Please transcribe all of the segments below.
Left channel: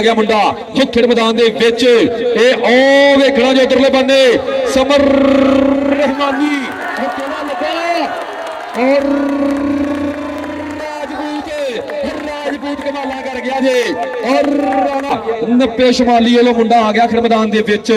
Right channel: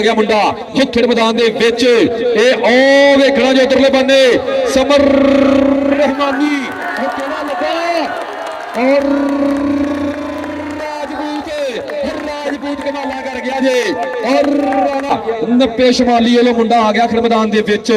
गया मुंडा खेड़ मैदान दे विच ओ वेखना जो उधरले बन्ने समर रहमानी केड़ा लगा और राजपूत कमाला कर गया जे और 90 शमाली वालों मुंडा आ गया खेड़ मैदान दे विच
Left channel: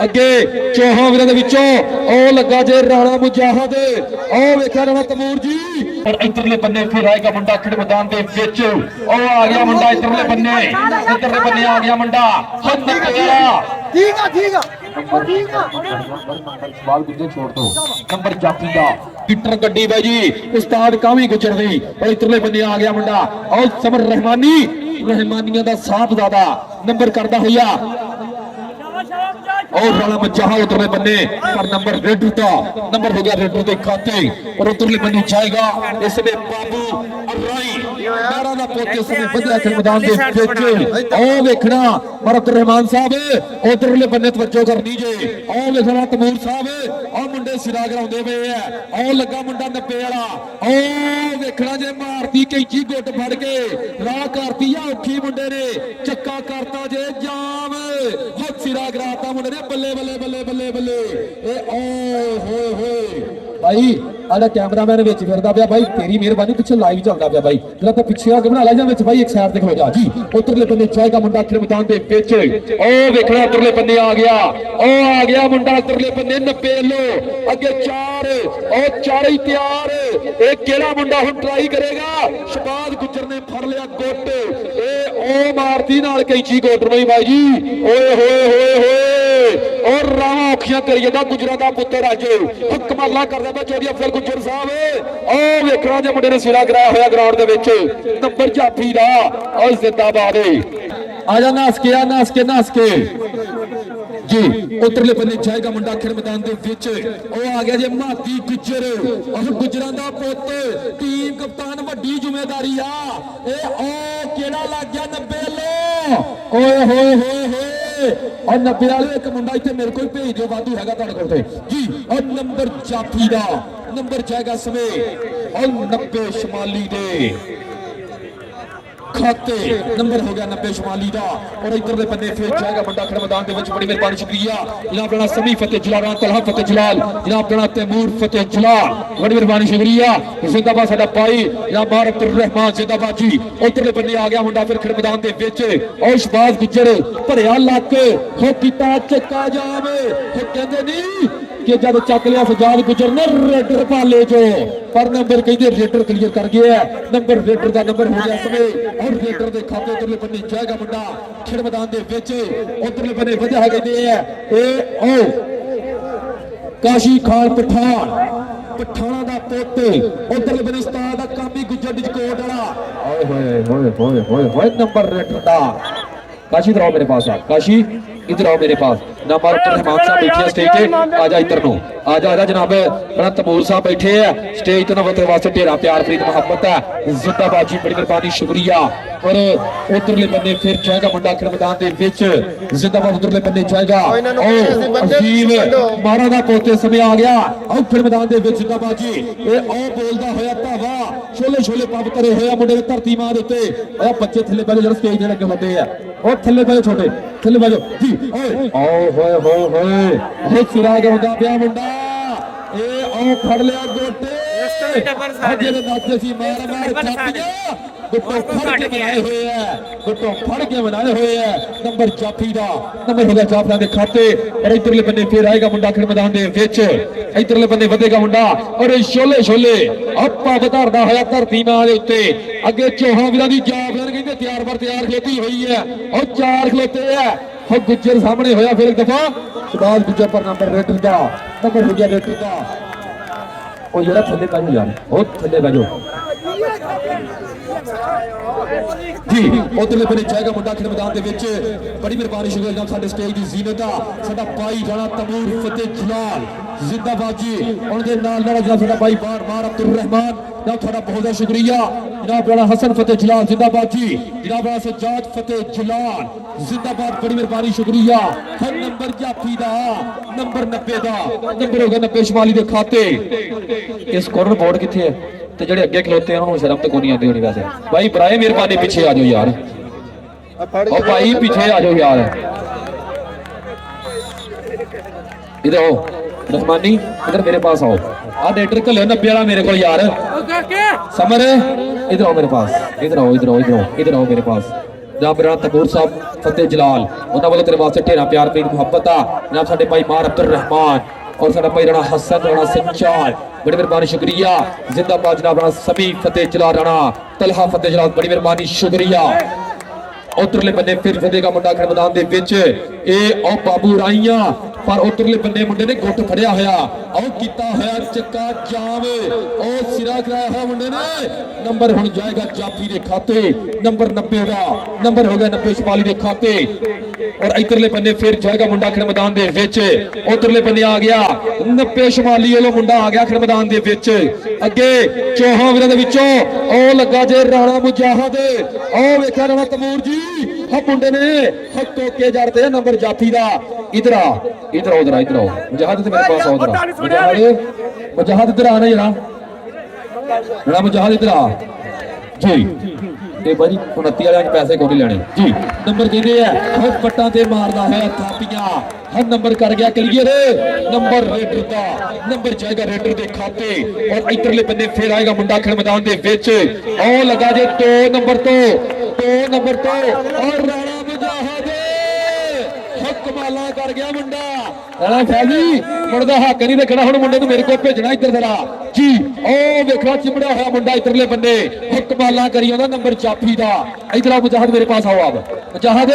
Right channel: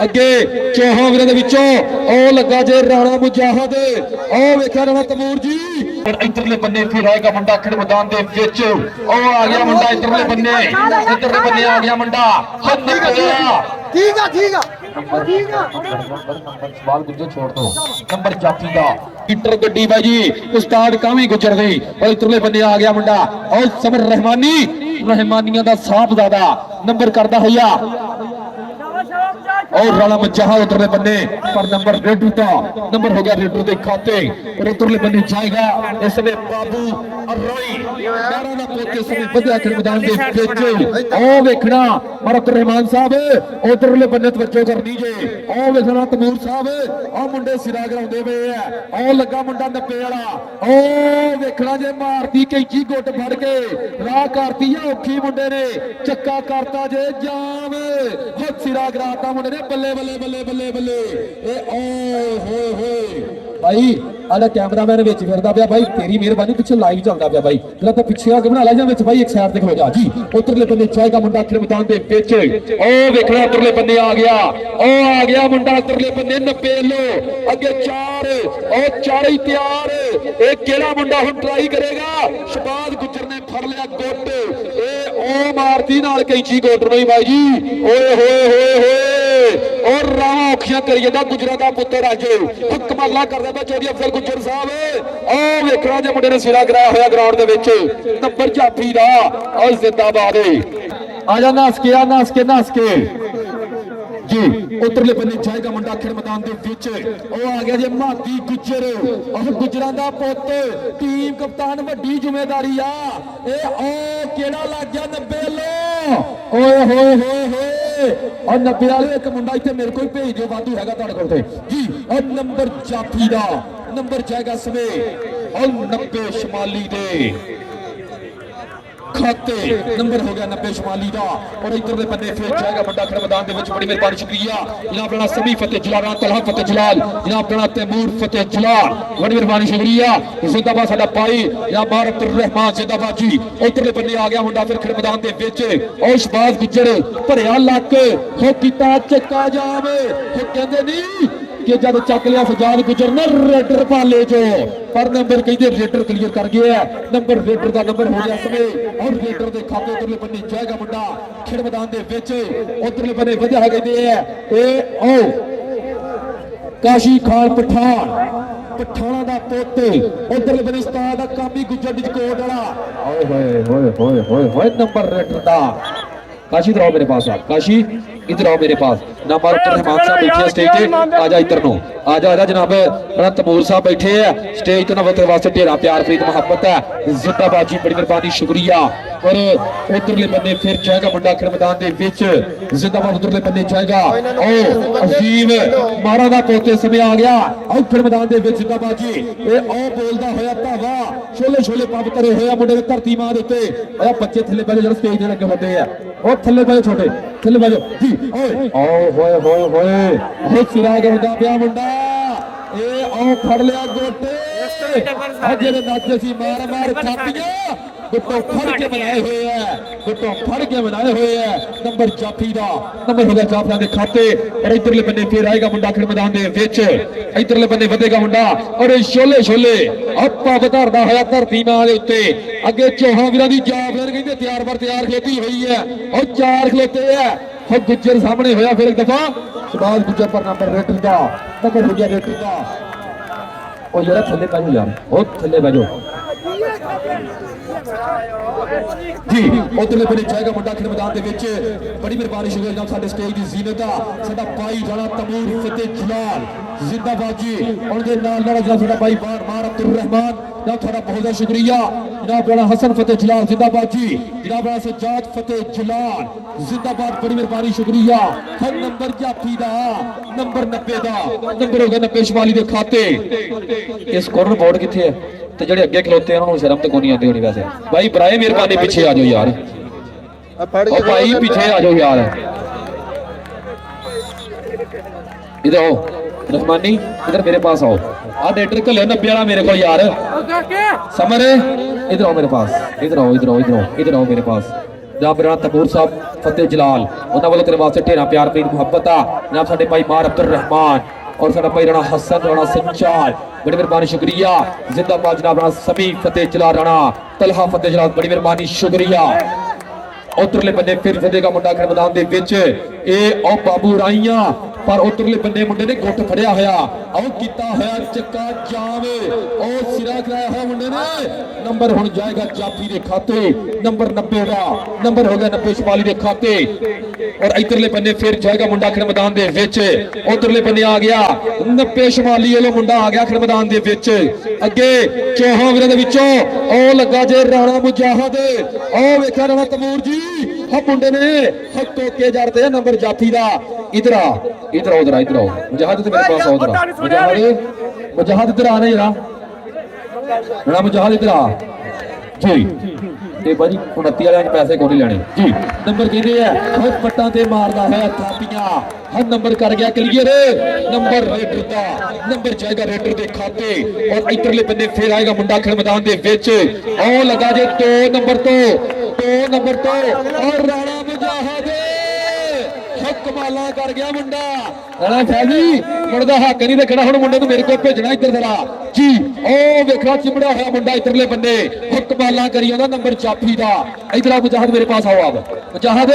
अगे चौहां वीरां दे विचों ओ लगा जे राणा मुजाहिद ओ वेखिया राणा तमूर जी और इधरले बन्ने फिर आएगा मुंडा खेड़ मैदान दे विच ओ आ गया मुंडा इधरले बन्ने आ गया मुंडा ठीक है सवाल गुजर छोड़ दो नंबर जाफी दा टिटर गड्डी बाई जी उस्ताद कावी गुजर गई और इधरले बन्ने आ गया मुंडा और समर रहमानिया दा साफ ज्यादा नंबर करदा होया और राणा मुजाहिद उधरले बन्ने पर नंबर रेडू का नंबर हो गया रेडू के खाते और उधरले बन्ने जाएगा इसमें बाबू अर्राई मारा दा पोते समय बढ़िया खेल मैदान दे विच ओ देखना मरत रहमान साहब उधरले बन्ने तवज्जो करनी जे ओ देखना तमूर साहब आ मुंडे सिरा कराउंदे पे है ओ लगा मुंडा 90 वाला ओ देखना जे मारती कैंची गुੱਟ फड़ के राह करती है औखी मुंडे ने चक्का करता जे जाम हो सिरा कराता मुंडे ने बल्ले बल्ले बल्ले बल्ले बल्ले ए ओ हो भाई आला कैमरामैन विच फिरदा पिया भाई तेरी मेहरबानी पिछे लाइव चलदा पिया भाई लगा पिछे आके बना ला जा विच भाई एक साइड ते खड़ो जा जी उधरले बन्ने जाएगा मुंडा खेल मैदान दे विच ओ देखना उधरले बन्ने आ गया मुंडा उधरले बन्ने 90 लो अगे 4 ओ चार ही तैयार ए केड़ा मुंडा हुन ट्राई करेगा शबाज गुजर ने फड़ लिया गुੱਟ ए ओ मारती नाल कैंची गुੱਟ नहीं भाई जी ओए होए और राह औखियां करिए दा गुजरा दा पुत्तर अज कमाला करदा दा चौधरी अफजल गुजर साहब ओ वेखना जे मुंडे ने सिरा कराया होया ग्राउंड दे विच नंबर जाफी दा और जिंदाबाद आजा नास के जी उधरले बन्ने जाएगा मुंडा खेल मैदान दे विच ओ आ गया जे माती गुजर और गुजरां दा पुੱਤ टीम कप्तान वड्डी जिम्मेदारी आ ए ओ केड़ा लग गया 90 लो ओए होए और 90 वाले एक मुंडा इतने मेरे को भेज दो वाधू है तुहाडे जी और नंबर जाफी दा नंबर जाएगा समय और 90 शमाली दे खाते नंबर हो गया 90 शमाली दा और इधर दे बंदे फिर जाएगा मुंडा खेल मैदान दे विच बड़ी मेहरबानी शुक्रिया जनाब राणा समी फतेह जलाल तलहा फतेह जलाल जनाब राणा तैमूर फतेह जलाल बड़ी मेहरबानी शुक्रिया जिंदाबाद साडा भाई जनाब मारत रहमान जिंदाबाद जी इधर दे बंदे आ गया मुंडा फिर खेल मैदान दे विच और शबाज गुजर धरिया लाके हो कीता चक्का जावे हो कहंदे नहीं कि जब चक लिया सजाद गुजर ने रेडर पाले जो पर नंबर कहते रेडर क्लियर कर गया नंबर रेडर का नंबर हो गया समय और रेडर के खाते उधरले बन्ने जाएगा मुंडा खेल मैदान दे विच उधरले बन्ने वजह है कहते हैं ए ओ काशी खान पठाना दा पोते उधरले बन्ने उस्ताद दा कामी गुजर डिजकोट वाला ओए नंबर रेडर दा काशी इधर आओ मेरे पास आप काशी इधर आओ मेरे पास नंबर रहमान साहब बैठे स्टेज पे आजा इधर नो आजा जनाब बड़ा तमूर साहब बैठे हैं स्टेज तो नवते वास्ते ढेरा प्यार प्रीत मोहब्बत है जिंदाबाद जी बड़ी मेहरबानी शुक्रिया और उधरले बन्ने फिर जाएगा मुंडा खेल मैदान दे विच जिंदाबाद उधरले बन्ने जाएगा और अजीम मारा दा पोते समय आ गया और खेल मैदान दे विच जिंदाबाद जी ए ओ बोलदा होया धावा छोले छोले पंप करे होया मुंडे दी धरती मां दे उत्ते ओ बच्चे थल्ले बैठे जरा स्टेज दे लगे होते हैं ओ थल्ले बैठे छोटे थल्ले बैठे जी ओए होए सिरा कराउंदा पिया मुंडा ए ओ फड़ लिया गोटे जेडे नाचे सी मार छातियां गुट्टो फड़ के बनाए हुए हैं नंबर जाफी दा नंबर हो गया जाफिया दे खाते और इधरले बन्ने फिर आएगा मुंडा खेल मैदान दे विच इधरले बन्ने वधेगा मुंडा और छोले आपा वधारदा होया धरती मां दे उत्ते अगे चौहां वीरां दी जाफिया कहंदे तैयार पर तैयार खलोती हुई है और चार खलोते है और गुजर सामने होया फिर एक दफा शबाज गुजर पर नंबर रेडर दा नंबर हो गया रेडर दा और जरा थल्ले बैठो यार बहुत थल्ले बैठो जी उधरले बन्ने जाएगा मुंडा खेल मैदान दे विच बड़ी मेहरबानी शुक्रिया साडे स्टेज दी जीनत आ साडा भाई राणा तमूर फतेह जलाल जिंदाबाद जी उनके नाल साडा भाई मार अब्दुल रहमान दा थोड़ा बहुत शुक्रिया जनाब राणा हसन फतेह जलाल जिंदाबाद जी जनाब राणा सज्जाद फतेह जलाल जिंदाबाद बड़ी मेहरबानी शुक्रिया हर नंबर जाफी दा नंबर 90 दा नंबर हो गया 90 शमाली दे खाते इस कॉर्नर बोर्ड किथे है ते जेडे अगे खलोते हैं उन्होंने शर्म तो कोई नहीं आती होनी वैसे भाई बराए मेहरबानी पीछे आ जाओ यार ओ भाई पीछे आ जाओ यार इधर आओ रहमानी इधर मेरे पास आओ डेटर को ले 90 वाला मेरे को यार समर इधर आओ मेरे पास इधर आओ इधर आओ इधर आओ इधर आओ मेरे पास जनाब राणा तबूर साहब फतेह जलाल उन्होंने वाले तेरे वास्ते ढेरा प्यार प्रीत मुहब्बत आ जनाब साडे भाई मार अब्दुल रहमान और साडा भाई राणा हसन राणा संचार बड़ी मेहरबानी शुक्रिया जिंदाबाद जनाब राणा समी फतेह जलाल राणा तलहा फतेह जलाल बड़ी मेहरबानी शुक्रिया उधरले बन्ने फिर फतेह का मुंडा खड़ मैदान दे विच ए ओ बाबू राइया पर उधरले बन्ने मुंडे ने गुੱਟ फड़िया होया आओ कीता होया चक्का जाम ओ सिरा कराया है मुंडे ने नंबर हुण जाएगा जाफी दे खाते नंबर 90 का नंबर हो गया 90 शमाली दे खाते और इधरले बन्ने फिर जाएगा मुंडा खड़ मैदान दे विच उधरले बन्ने आ गया 90 शमाली वाला मुंडा आ गया खड़ मैदान दे विच अगे चौहां वीरां दे विचों ओ लगा जे राणा मुजाहिद ओ वेखिया राणा तमूर जी हो मुंडे ने हक्को के जाते नंबर जाफी दा इधर आ इधर आओ इधर इधर आओ मुजाहिद ते मेरे पास आओ इधर मुजाहिद इधर आ जरा जरा मुजाहिद इधर आ जी ते भाजी 29 वाले पैसे कोई नहीं लेने जी नंबर कहते हैं पट्टा ते मारदा है थापियां हर नंबर कर गया क्लियर नंबर रेडर दा नंबर जाएगा रेडर दे खाते और इधरले बन्ने फिर आएगा मुंडा खेल मैदान दे विच ओ लगा जे 2 नंबर तो और राणा मुजाहिद कमाला कर गया मुंडा राणा फैजी मुंडा हक नहीं रखना हुण मुंडे नूं मेरे को भेजना इधर जरा जी ओ वेखा चिमड़ा होया मुंडा इधरले बन्ने कमाला करी आंदा नंबर जाफी दा इधर आ मुजाहिद मेरे पास आओ आप मुजाहिद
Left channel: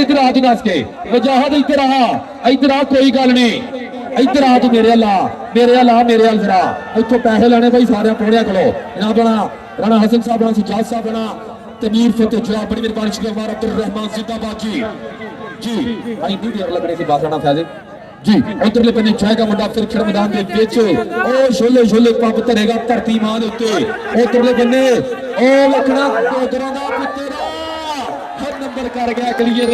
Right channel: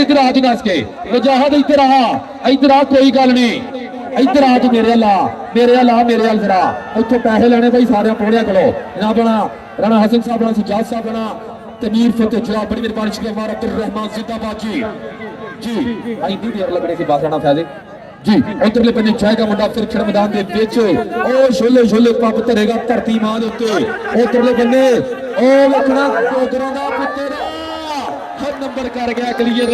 इधर आ तू नस के मुजाहिद इधर आ कोई गल नहीं इधर आ तू मेरे अल जरा इत्थों पैसे लेने भाई सारे पौड़िया खड़ो जनाब राणा हसन साहब राणा सजाद साहब राणा तमीर फतेह जलाल बड़ी मेहरबानी शुक्रिया मार अब्दुल रहमान जिंदाबाद जी भाई दी देर लगने की बात करना फायदे जी उधरले बन्ने जाएगा मुंडा फिर खेल मैदान दे विच ओ छोले पप धरेगा धरती मां दे उत्ते उधरले बन्ने ओ लखना डोगरा दा पुੱਤਰ हर नंबर कर गया क्लियर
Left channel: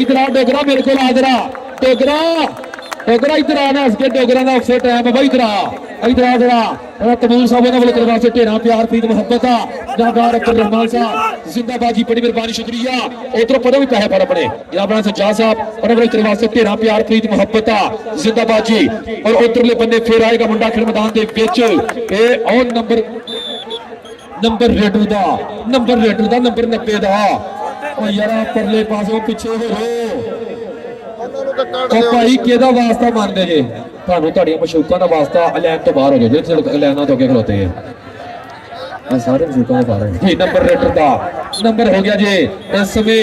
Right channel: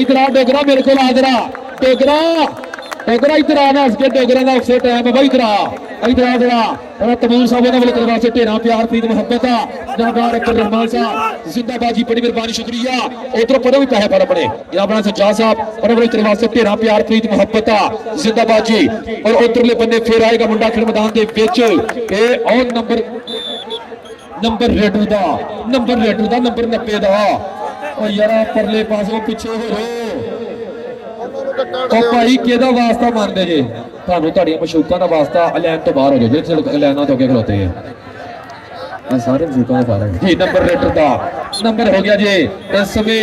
इधर आ डोगरा मेरे को आ जरा डोगरा इधर आना इसके डोगरा का उसे टाइम है भाई इधर आ जरा तमीर साहब ने बोले वैसे ढेरा प्यार प्रीत मुहब्बत आ जनाब अब्दुल रहमान साहब जिंदाबाद जी बड़ी मेहरबानी शुक्रिया उधर पढ़ो भी पैसे पर अपने जनाब सज्जाद साहब और बोले वास्ते ढेरा प्यार प्रीत मुहब्बत आ जिंदाबाद जी और उधरले बन्ने फिर आएगा मुंडा खेल मैदान के विच ए और नंबर रेडर दा नंबर 90 दा ओ यार परले पासों पीछे हो रहे भाई केदा वास्ता मानते जे ਤੁਹਾਨੂੰ ਤੁਹਾਡੀਆਂ ਮਸ਼ੂਕਾਂ ਦਾ ਵਾਸਤਾ ਐਲਾਨ ਤੋਂ ਬਾਹਰ ਹੋ ਜਾਓ ਜਿਹੜੇ ਐਲਾਨਾਂ ਤੋਂ ਅੱਗੇ ਖਲੋਤੇ ਆ ਸਾਰੇ ਮਸ਼ੂਕਾਂ ਦਾ ਬਾਹਰ ਜੀ ਨੰਬਰ ਰੇਟਰ ਦਾ ਨੰਬਰ ਹੋ ਗਿਆ ਜੀ ਇਸ ਸਮੇਂ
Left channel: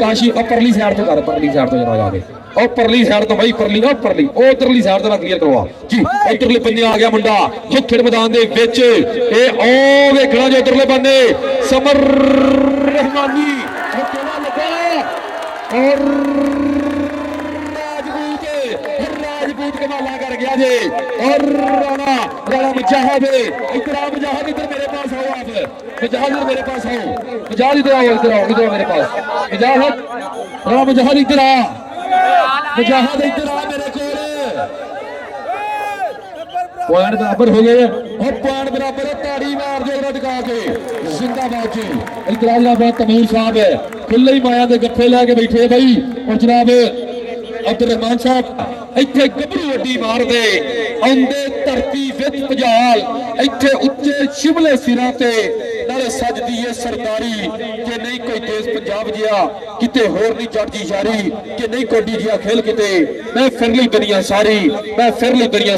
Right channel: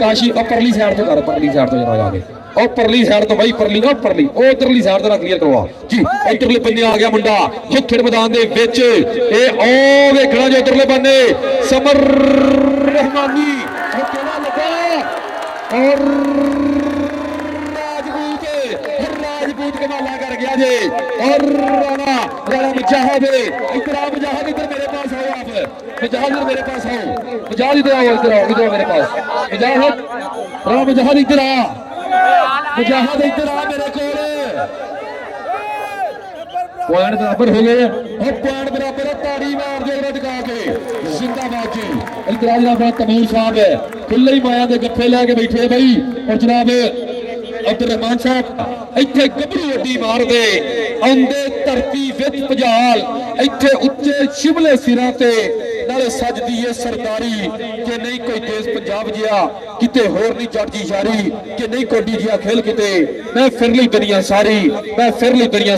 ਕਾਸ਼ੀ ਪਰਲੀ ਸਾਈਡ ਤੋਂ ਕਰ ਪਰਲੀ ਸਾਈਡ ਤੋਂ ਜਰਾ ਆ ਕੇ ਉਹ ਪਰਲੀ ਸਾਈਡ ਤੋਂ ਬਾਈ ਪਰਲੀ ਉਹ ਉਧਰਲੀ ਸਾਈਡ ਤੋਂ ਕਲੀਅਰ ਕਰਵਾ ਜੀ ਇਧਰਲੇ ਬੰਨੇ ਆ ਗਿਆ ਮੁੰਡਾ ਖੇਡ ਮੈਦਾਨ ਦੇ ਵਿੱਚ ਇਹ ਉਹ ਵੇਖਣਾ ਜੇ ਇਧਰਲੇ ਬੰਨੇ ਸਮਰ ਰਹਿਮਾਨੀ ਉਹ ਕਿਹੜਾ ਲੱਗਾ और राजपूत कमाला कर गया जी और राणा मुजाहिद इधर मेरे पास आओ आप मुजाहिद मेरे पास आओ मुजाहिद इधर आओ मेरे पास मुजाहिद राणा मुजाहिद इधर आ मेरे को पॉइंट बराबर हो गए और पॉइंट बराबर ताड़ी मार दो दिखा के जिंदाबाद जी इधर तमीर साहब है खुले ही माया के गप्पे लैके बैठे भाई और जनाब अब्दुल रहमान साहब इत्थे गबरू वड्डी मार दे आंदे धरती विच भजाल इत्थे उच्चे शिमले सिरां ते नाले सजदी है सरदारी कि नहीं कोई देश पंजाब जिया किते होर नहीं चढ़दी सारी कि नहीं कोडी जिया खेल किते मैं फिर ली दुनिया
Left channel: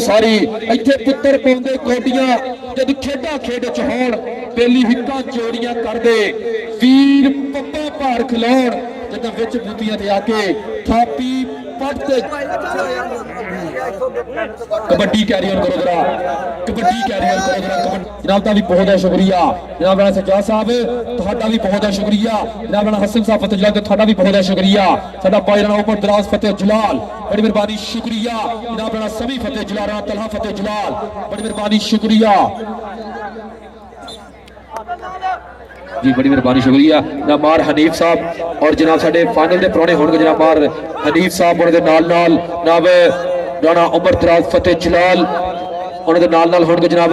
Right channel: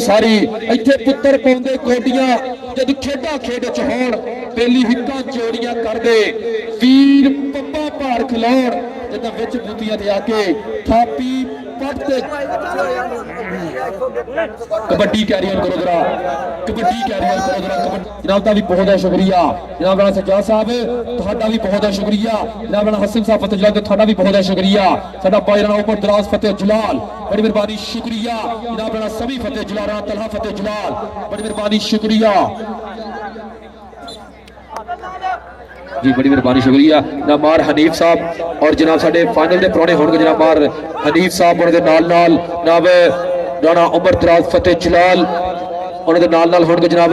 सारी इत्थे पुत्तर पाउंदे कोडियां जद खेडा खेड च होण बेली हिक्कां जोड़ियां करदे वीर पप्पा भार खिलाउण जद विच बूटियां ते आके थापी पटते कबड्डी कैरियर करो जनाब का भी बहुत है शुक्रिया जनाब राणा सज्जाद साहब तुहाडा भी बहुत है शुक्रिया जनाब राणा हसन साहब फतेह जलाल तुहाडा भी बहुत है शुक्रिया साडा भाई राणा उमर दराज फतेह जलाल बड़ी मेहरबानी शुक्रिया जनाब राणा सभी फतेह जलाल राणा तलहा फतेह जलाल बड़ी मेहरबानी शुक्रिया जी बड़ी मेहरबानी शुक्रिया जनाब मार हनीफ साहब और जनाब साडे फाइनल दे पुराने होणगे जनाब मार हनीफ साहब उन्हां दे नाल जनाब राणा उमर दराज फतेह जलाल उन्हां दे नाल होणगे जनाब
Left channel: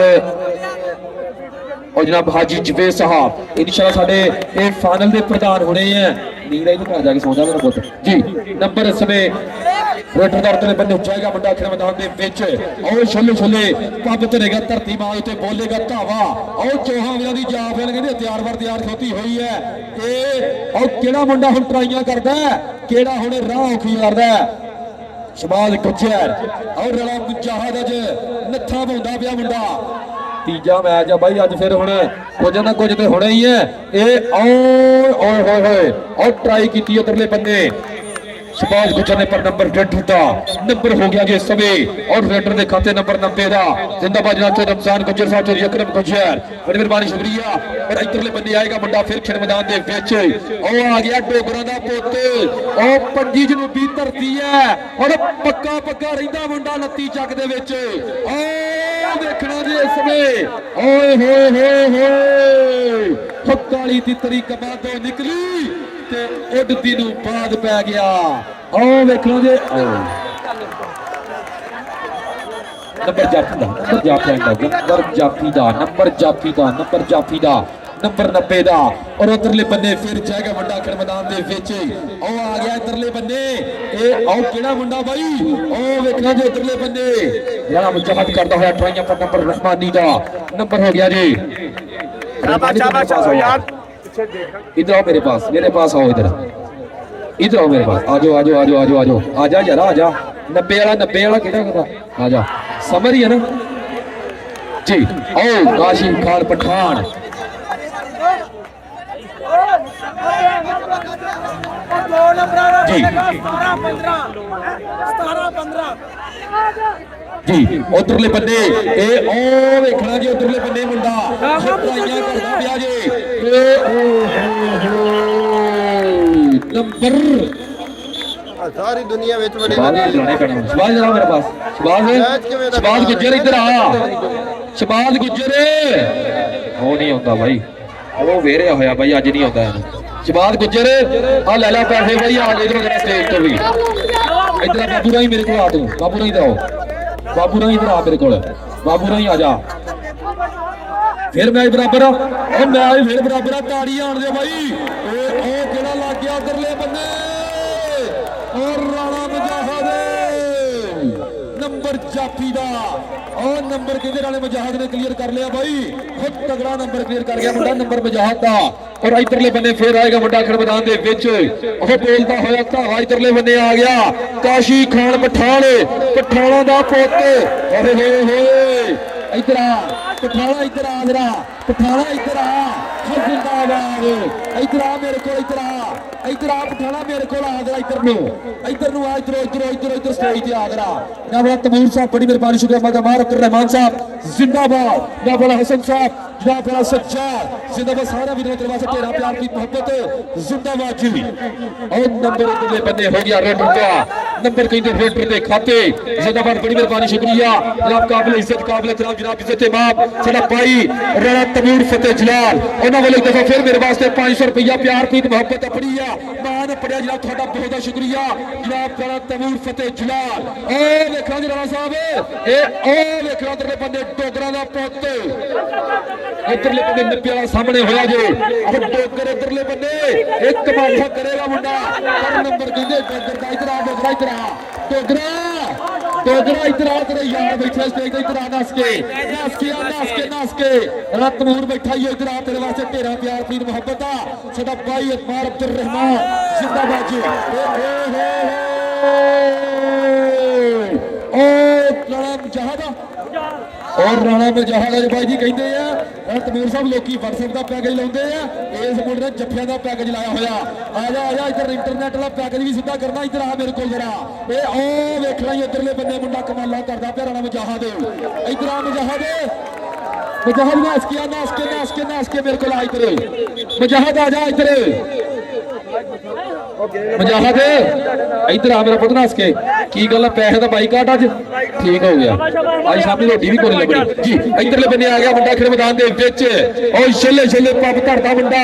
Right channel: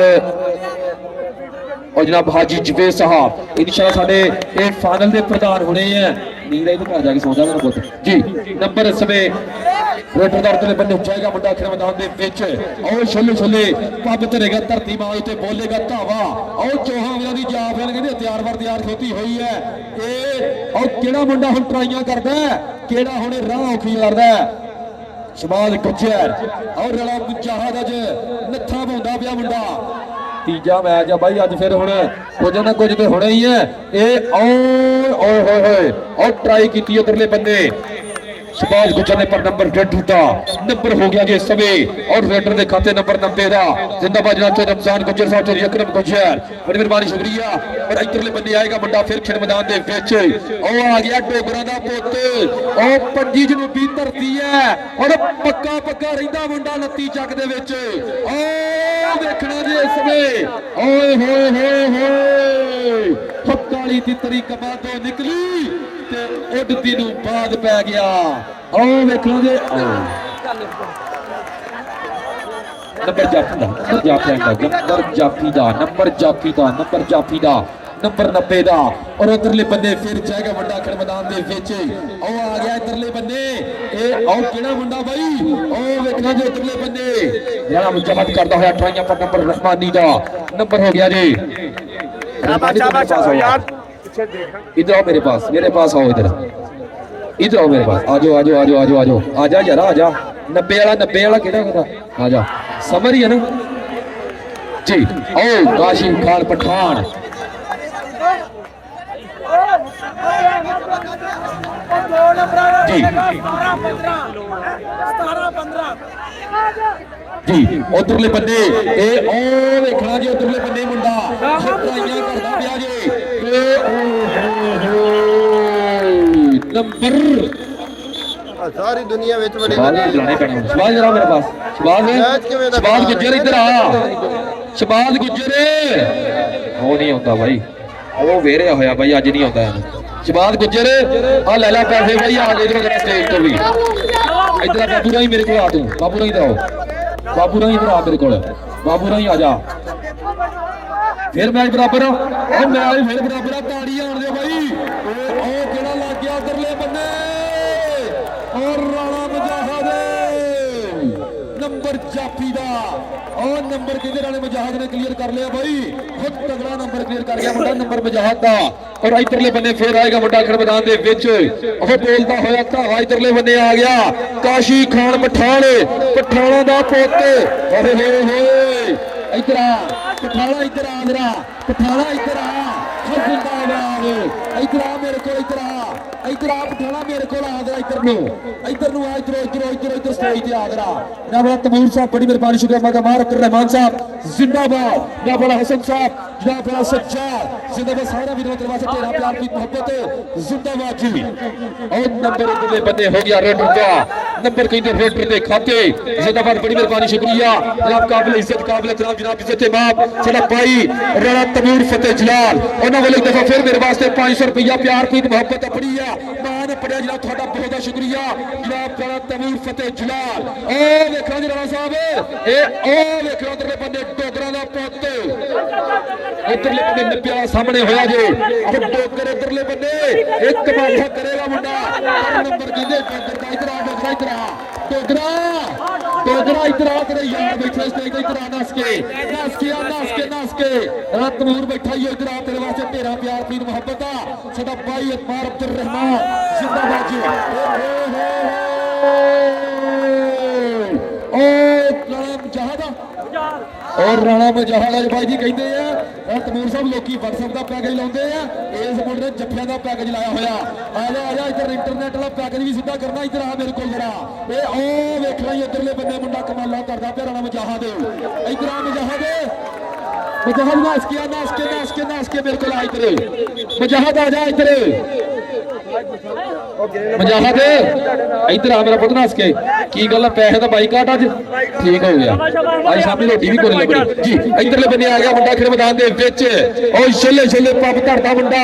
और जनाब हाजी जवेद साहब इंशाल्लाह साडे ये फाइनल दे प्रधान होने हैं नींद आई तो जाके सो जा मेरा पुੱਤ जी नंबर समय रोटरदार ते बंदे जाएगा मुंडा खेल मैदान दे विच और छल्ले छल्ले पब धरेगा धरती मां ते बोलेगा धावा और चौहान वीरां दी जाब लेन कहंदे तैयार वर तैयार खलोती हुई है ए और केड़ा मुंडा हुण ट्राइयां करदा है केड़ा हुण राह औखी लड़दा है शबाज गुज्जर और रला मुजाहिद अज नत्था पाउंदा पिया मुंडा तीजा मैच है भाई अज फिर हुण कुछ ना कुछ तो होना ही है ए और ट्राई की उधरले बंदे शबाज गुज्जर ने पर नंबर डूटा नंबर हो गया जी सवे और रेडर के खाते नंबर 90 का जिंदाबाद जनाब रमजान गुज्जर साहब चौधरी अकरम गुज्जर बड़ी मेहरबानी शुक्रिया और इधरले बंदे आएगा मुंडा फिर खेल मैदान के विच और आ गया डोगरा दा पुੱਤ और पंजी जनूबी धरती है और पक्का पक्का रहिंदा मुंडा 29 ਚੱਕ ਦੇ ਵਿੱਚ और देखना जी इस समय ओए होए काली की तरीक बाद निकली उड़ती नूं बाद पै गया और देखो जी नंबर जाफी दा नंबर 90 दा और उधरले बंदे फिर जाएगा मुंडा खेल मैदान दे विच ओ आ गया इधरले बंदे ए और केड़ा मुंडा भाई ओ देखना जी उधरले बंदे जरा मुचमत करदा है अठाइयां पर नंबर रहमानी दा नंबर हो गया जी रहमानी के पास आओ यार इधर आओ मेरे पास आओ इधर आओ मेरे पास आ जाओ आजा यार आजा 90 वाला केड़ा होता आ जा समझ रही है ना जी ओ काशिम खान पठान जी जी उधरले बंदे ए ओ देखना जी उधरले बंदे मुंडा ट्राइयां करदा पिया जी नंबर सारी दुनिया विच बड़ी शबाज जरा मेरे पास शबाज गुज्जर इधर आ शबाज गुज्जर वो नहीं होता भाई वो वेरे होया भाई अज नहीं होता शबाज गुज्जर आ ले ला पैसे भाई आ गए इधर स्टेज तो भी इधर बाबू राही मेरे को आ तू बाबू राही इधर आ मेरे को बाबू राही आ जा फिर मैच बराबर और मैच फिर बराबर ताड़ी आन दे भाई ओ केड़ा लग गया उधरले बंदे और राणा मुजाहिद नंबर जाफी दा और नंबर किधर वाले मुजाहिद ने क्लियर कर लिया भाई बहुत तगड़ा नंबर क्लियर कर गया मुंडा नंबर मुजाहिद का और इधरले बंदे फिर आएगा मुंडा खेल मैदान दे विच और बोलता होया धावा इधरले बंदे आ गया काशी खान पठाना दा पुੱਤ होए इधर आ पठाना इधर आ जरा पठाना इधर आ जिंदाबाद इधर आ मेरे को इधर आ पठाना मेरे को आ जरा इधर नु आ इधर स्टेज पे आ जरा जनाब तमूर साहब बड़ी मेहरबानी शुक्रिया मदमार रहमान साहब जिंदाबाद जनाब हसन साहब जनाब सज्जाद जिंदाबाद सारा विरोध दरवाजा तेरा प्यार की मोहब्बत जिंदाबाद जी और नंबर अगले बंदे हो गया रेडर का नंबर कहते रेडर के खाते जिंदाबाद बड़ी मेहरबानी शुक्रिया जनाब काबिल इज्जत काबिल इकराम जनाब इज्जत इमाम साडा भाई राणा तमूर फतेह जलाल उन्हां वाले दफा फिर मेरे वास्ते 500 रुपया प्यार की मोहब्बत अपनी आ मान पड़िया जनाब थोड़ा बहुत शुक्रिया जनाब राणा तमूर फतेह जलाल ओ देखो जी राणा साहब ए ओ देखो उधरले बंदे डोगरा दा पुੱਤ उधरले बंदे 90 वाला सामने होया जे और डोगर उधरले बंदे एक कमाल करेगा मुंडा पर नंबर कहंदे इधर आ डोगरा इधर आ तेरे यार बैठे स्टेज इधर आ नस के राणा तमूर बैठा ही इधर आ तेरे वास्ते तेरा प्यार की मोहब्बत आ साडा भाई अकबर अब्दुल रहमान जिंदाबाद जी राणा मुजाहिद भाई जी कहते हैं तमूर साहब लोग व्हाट्सएप का पैकेज लाते हैं इस मुंडे ने जफ्फिया का पैकेज लाया होया आ जा इधर इंटरनेट वाला पैकेज भी सीधा करना इधर आ मेरे को जरा ये वेखना ही इधरले बंदे मुंडा कमाला करता पे राणा मुजाहिद इधर आ मुजाहिद नास के मेरे को ला इधर मुजाहिद आ जा इधर मुजाहिद इधर आ मेरा पुੱਤ नास के की गल पैसे का बाईकाट अज ठीक हो गया आज शामी रोटी भी कोई लगनी जी इधरले बंदे आ गया मुंडा खेल मैदान दे विच और छल्ले पग धरदा मुंडा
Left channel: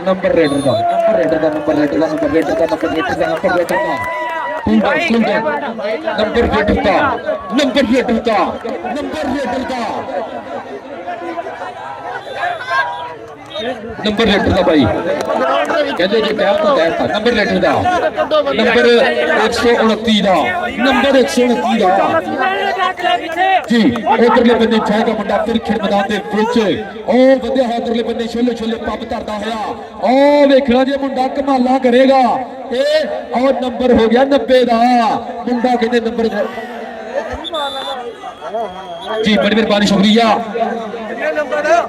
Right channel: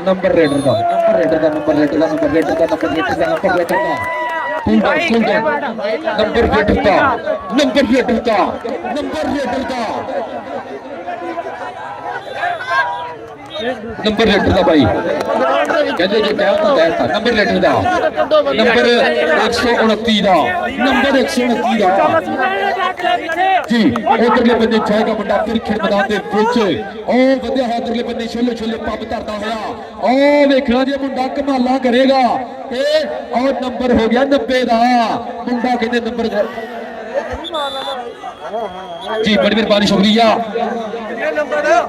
नंबर रेडर का नंबर रेडर का ਨੰਬਰ ਰੇਡਰ ਦਾ ਬਾਈ ਕਹਿੰਦੇ ਜੇ ਕਹਿਤਾ ਨੰਬਰ ਰੇਡਰ ਦਾ ਨੰਬਰ 129 ਦਾ ਨੰਬਰ 129 ਦਾ ਜੀ ਉਧਰਲੇ ਬੰਨੇ ਜਾਏਗਾ ਮੁੰਡਾ ਤਿਰਖੜ ਮੈਦਾਨ ਦੇ ਵਿੱਚ ਉਹ ਵਧਿਆ ਹੋਇਆ ਉਧਰਲੇ ਬੰਨੇ ਛੋਲੇ ਛੋਲੇ ਪੱਬ ਧਰਦਾ ਹੋਇਆ ਉਹ ਵੇਖਣਾ ਜੇ ਮੁੰਡਾ ਕਮਾਲਾਂ ਕਰੇਗਾ ਇਹ ਔਰ ਨੰਬਰ ਹੋ ਗਿਆ 90 ਦਾ ਮੁੰਡਾ ਕਹਿੰਦੇ ਨੰਬਰ जी बड़ी मेहरबानी शुक्रिया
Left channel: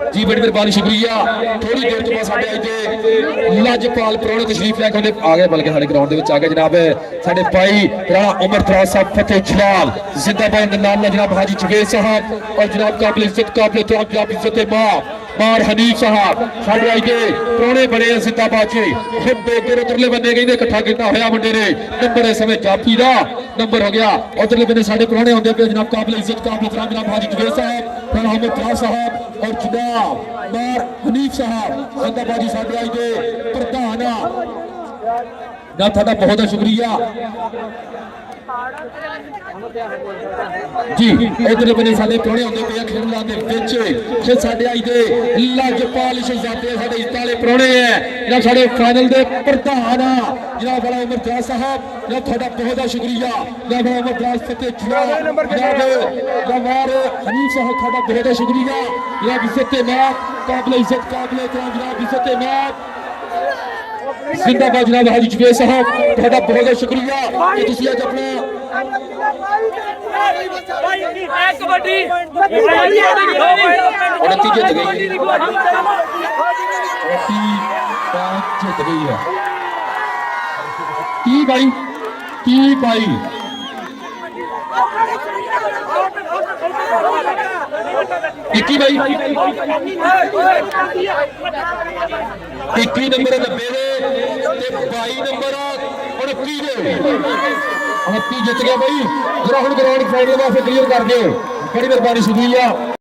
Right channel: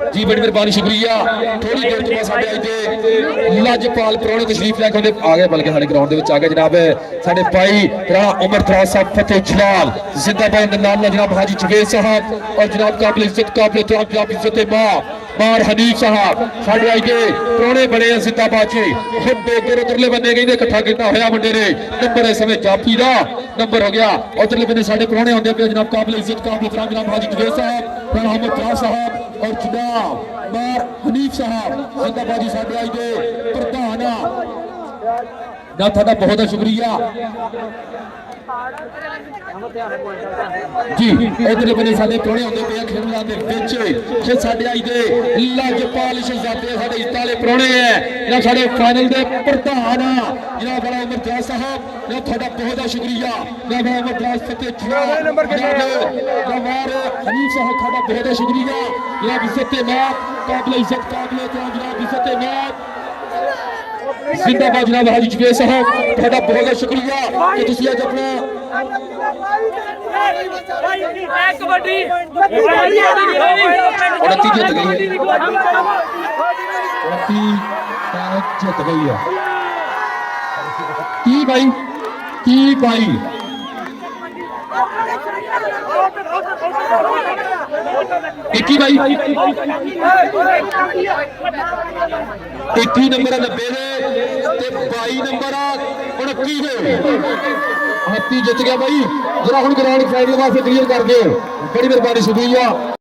जी बड़ी मेहरबानी शुक्रिया थोड़ी देर तो बाद साडे इत्थे लजपाल प्रोने तशरीफ लैके आउंदे आ गए बल्कि साडे ग्राउंड दे विच आ गए जनाब साडे भाई राणा उमर दराज साहब फतेह जलाल जिंदाबाद नाल जनाब हाजी जवेद साहब और जनाब काबिल इज्जत काबिल एहतराम जनाब इज्जत मार हनीफ साहब साडे आई के प्रोने बड़े जिंदाबाद जी खुद बेदर उधरले बन्ने कहंदे इकट्ठा कीता होया मुंडे ने नंबर इस समय जाफी दा नंबर हो गया उधरले बन्ने साडे प्रोने होंदे पे जनाब काबिल इज्जत काबिल एहतराम जनाब हाजी जवेद साहब मोहम्मद दराज साहब और जनाब मार हनीफ साहब जिंदाबाद जी साडे आई के प्रधान ना ਤੁਹਾਡਾ ਬਹੁਤ ਸ਼ੁਕਰੀਆ ਜੀ ਇਧਰ ਬਨੇ ਸਾਡੇ ਟੋੜੇ ਹੁੰਦੇ ਪਏ ਖੇਡਾਂ ਦੇ ਵਿੱਚ ਜੇ ਸਾਡੇ ਆਈ ਦੇ ਲਜਪਾਲ ਸ਼ਹਜ਼ਾਦੇ ਸਾਡੇ ਇਤਾਲੇ ਪ੍ਰੋਣੇ ਹੈ ਜਿਹੜਾ ਸਾਡੇ ਫਾਈਨਲ ਦੇ ਪ੍ਰਧਾਨ ਆ ਜਿਹੜਾ ਬੜਾ ਅਮਰਜੀਤ ਸਾਹਿਬ ਇਹ ਤੁਹਾਡਾ ਬਹੁਤ ਸ਼ੁਕਰੀਆ ਜਿਹੜਾ ਅਮਰਜੀਤ ਤੇ ਛੋੜਾ ਨੰਬਰ ਹਮਾਰੇ ਹਨੀਫ ਸਾਹਿਬ ਤੁਹਾਡਾ ਬਹੁਤ ਸ਼ੁਕਰੀਆ ਜਿਹੜਾ ਇੱਜ਼ਤ ਤੇ ਮਾਂ ਕਾਬਲ ਇੱਜ਼ਤ ਕਾਬਲ ਜਿਹੜਾ ਇੱਜ਼ਤ ਤੇ ਮਾਂ जिंदाबाद जनाब हाजी जवेद साहब ਤੁਹਾਡਾ ਬਹੁਤ ਸ਼ੁਕਰੀਆ ਕਿ ਤੁਸੀਂ ਅੱਜ ਆਪਣਾ ਕਬੱਡੀ ਜਿੱਤ ਗਈ ਜਿੱਤ ਗਈ ਹੈ ਕੀ ਭਾਈ ਇੱਕੀ ਭਾਈ 21 ਨੰਬਰ 90 ਦੇ ਤੇ 22 ਨੰਬਰ 29 ਦੇ 29 ਜਿੱਤ ਗਿਆ ਬਾਈ ਜਰਾ ਹੁਣ ਗਰਾਊਂਡ ਫੋਰ ਦੇ ਵਾਸਤੇ ਕਲੀਅਰ ਕਰ ਦਿਓ ਬੜੀ ਮਿਹਰਬਾਨੀ ਸ਼ੁਕਰੀਆ